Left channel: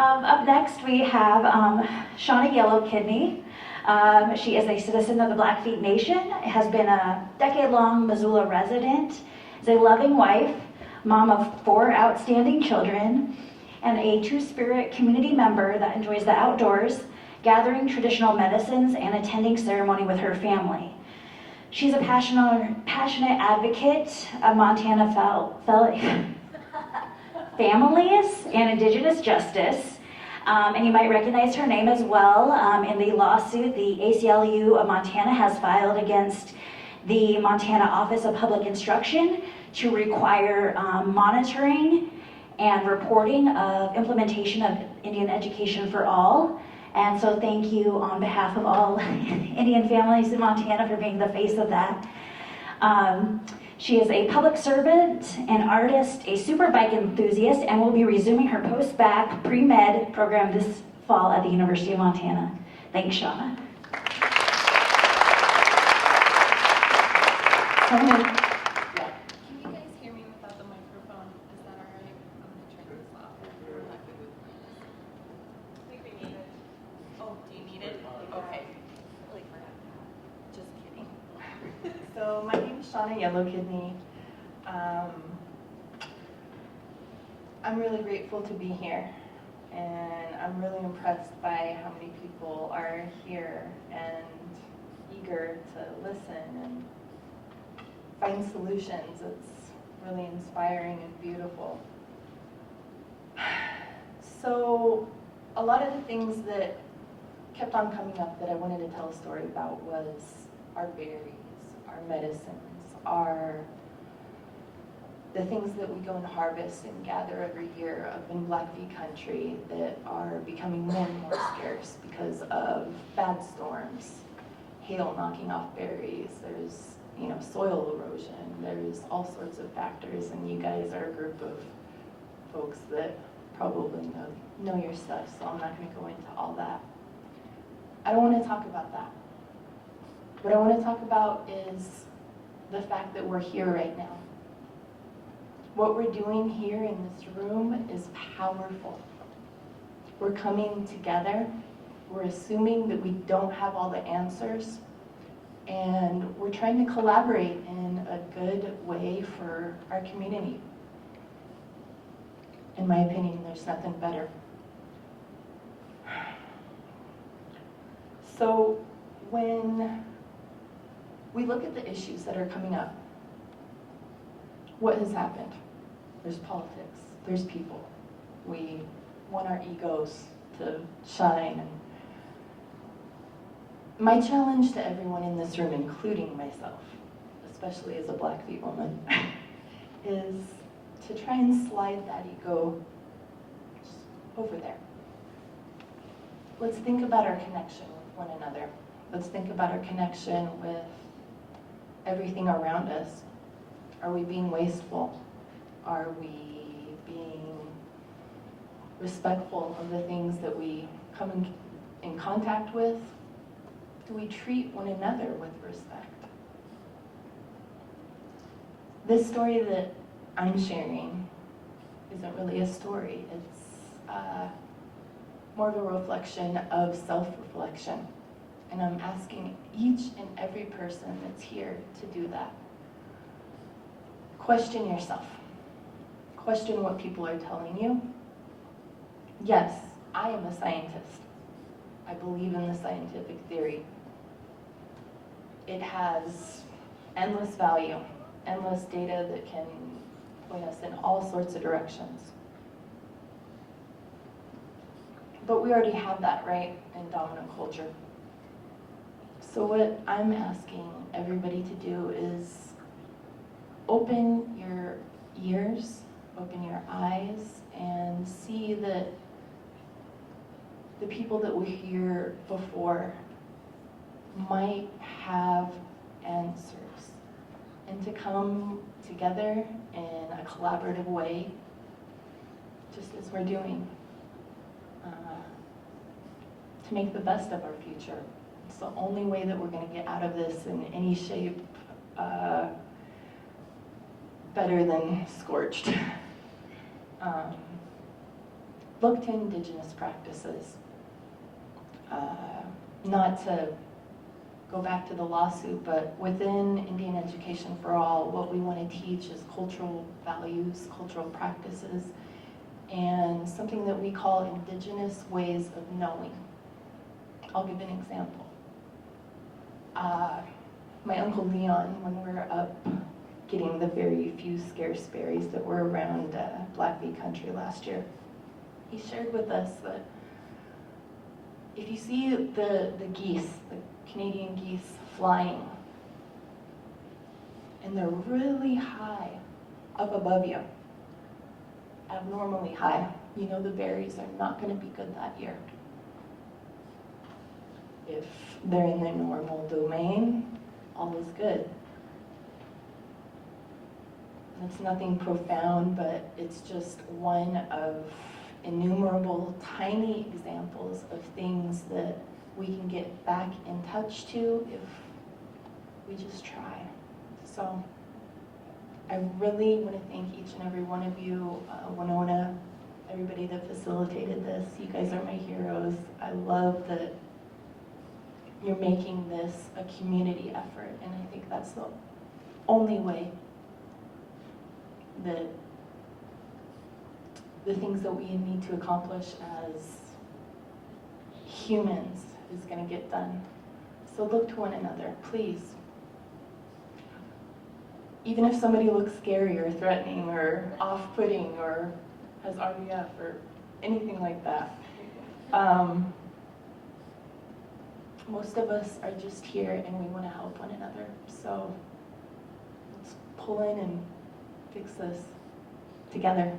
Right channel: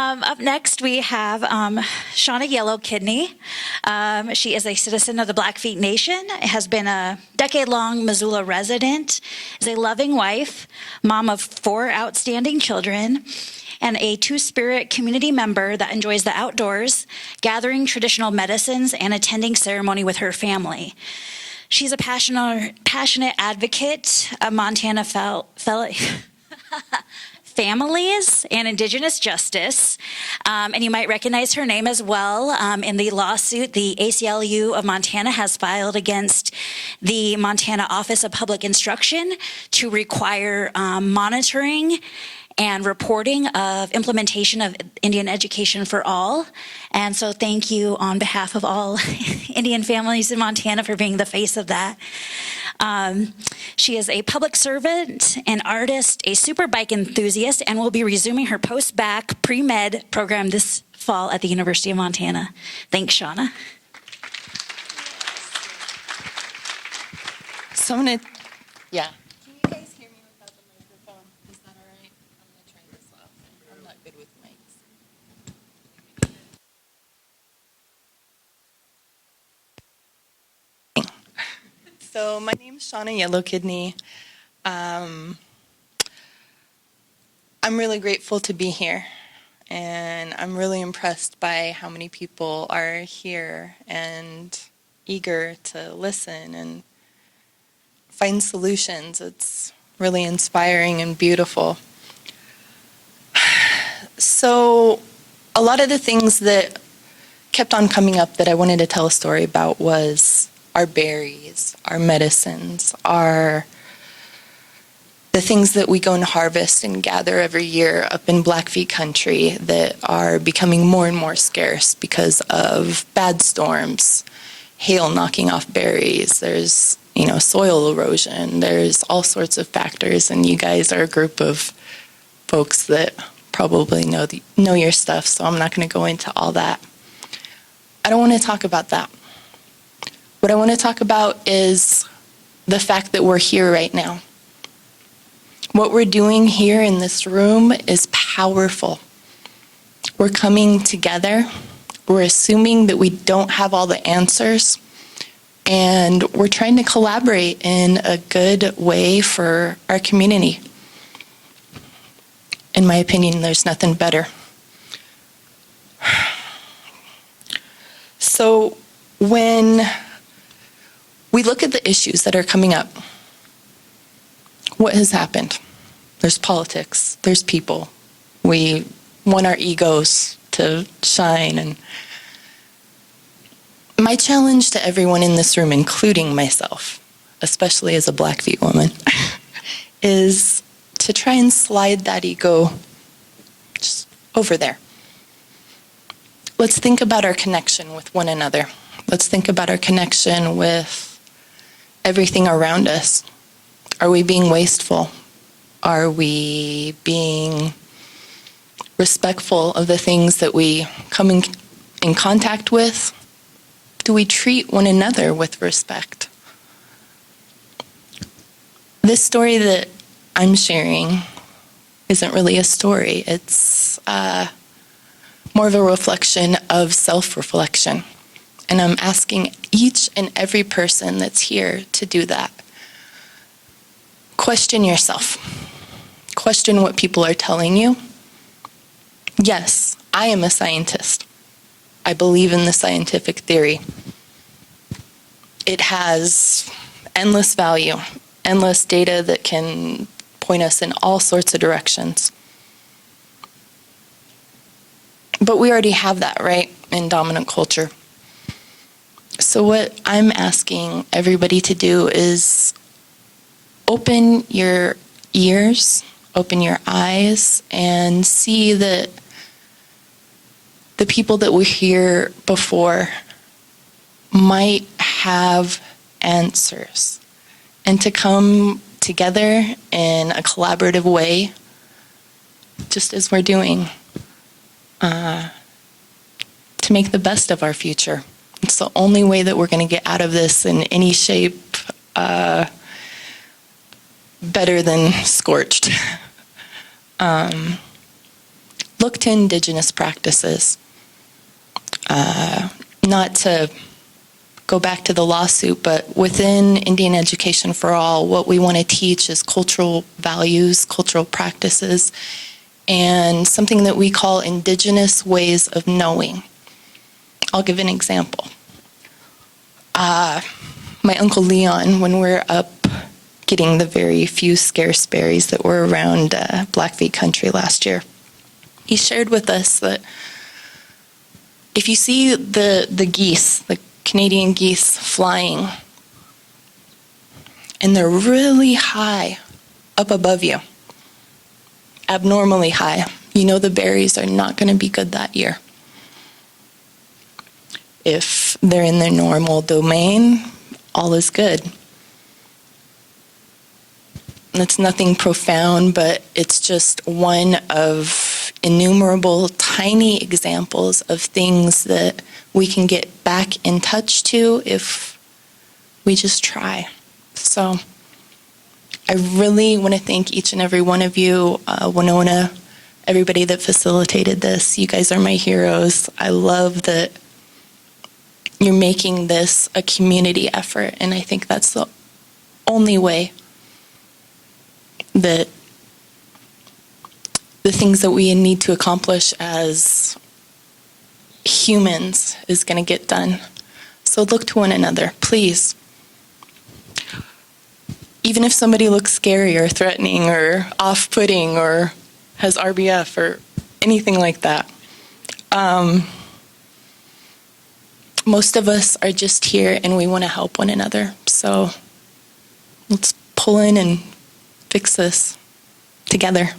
Up next, we have Shauna Yellow Kidney. She is a citizen of the Blackfeet Nation, has been a decade-long Missoula resident, is a loving wife, mom of 4 outstanding children, and a Two-Spirit community member that enjoys the outdoors, gathering traditional medicines, and attending ceremony with her family. She's a passionate advocate of Montana families and Indigenous justice. And you might recognize her name as well in the lawsuit the ACLU of Montana has filed against the Montana Office of Public Instruction to require monitoring and reporting of implementation of Indian education for all. And so thank you on behalf of all Indian families in Montana for being the face of that. She is a public servant, an artist, a super bike enthusiast, and will be resuming her post-bac pre-med program this fall at the University of Montana. Thanks, Shauna. Yeah. Can you guys hear me without the microphone? Is that all right? I'm gonna turn this off. I'm not good with mics. I think we need it. Oh, do you need it? Okay. Just kidding. So my name is Shauna Yellow Kidney. I'm really grateful to be here, and I'm really impressed by how many people are here and eager to listen and find solutions. It's really inspiring and beautiful. So a lot of the things that kept on coming up that I wanted to tell a story about was our berries, our medicines, the things that we go and harvest and gather every year up in Blackfeet country that are becoming more and more scarce because of bad storms, hail knocking off berries. There's, soil erosion. There's all sorts of factors, and you guys are a group of folks that probably know your stuff, so I'm not going to go into all that. I don't want to talk about that. What I want to talk about is the fact that we're here right now. What we're doing here in this room is powerful. We're coming together. We're assuming that we don't have all the answers, and we're trying to collaborate in a good way for our community. In my opinion, there's nothing better. So when we look at the issues that are coming up, what has happened? There's politics, there's people. We want our egos to shine. And my challenge to everyone in this room, including myself, especially as a Blackfeet woman, is to try and slide that ego just over there. Let's think about our connection with one another. Let's think about our connection with everything around us. Are we being wasteful? Are we being respectful of the things that we come in contact with? Do we treat one another with respect? This story that I'm sharing isn't really a story. It's more of a reflection of self-reflection. And I'm asking each and every person that's here to do that. Question yourself. Question what people are telling you. Yes, I am a scientist. I believe in the scientific theory. It has endless value, endless data that can point us in all sorts of directions. But we already have that, right, in dominant culture. So what I'm asking everybody to do is open your ears, open your eyes, and see that the people that were here before might have answers, and to come together in a collaborative way, just as we're doing, to make the best of our future. It's the only way that we're going to get out of this in any shape better than scorched. Look look to Indigenous practices. Not to go back to the lawsuit, but within Indian Education for All, what we want to teach is cultural values, cultural practices, and something that we call Indigenous ways of knowing. I'll give an example. My Uncle Leon, when we're up getting the very few scarce berries that were around Blackfeet country last year, he shared with us that if you see the geese, the Canadian geese flying, and they're really high up above you, abnormally high, you know the berries are not going to be good that year. If they're in their normal domain, all is good. It's nothing profound, but it's just one of innumerable tiny examples of things that we can get back in touch to if we just try. So I really want to thank each and every one of you, Winona, everybody that facilitated this. You guys are my heroes. I love that you're making this a community effort, and I think that's the only way that the things that we need to accomplish as humans is going to get done. So look to one another, please. Even if somebody looks scary or threatening or off-putting or has RBF or anything like that, most of us are just here and we want to help one another. So let's pull in and fix this together.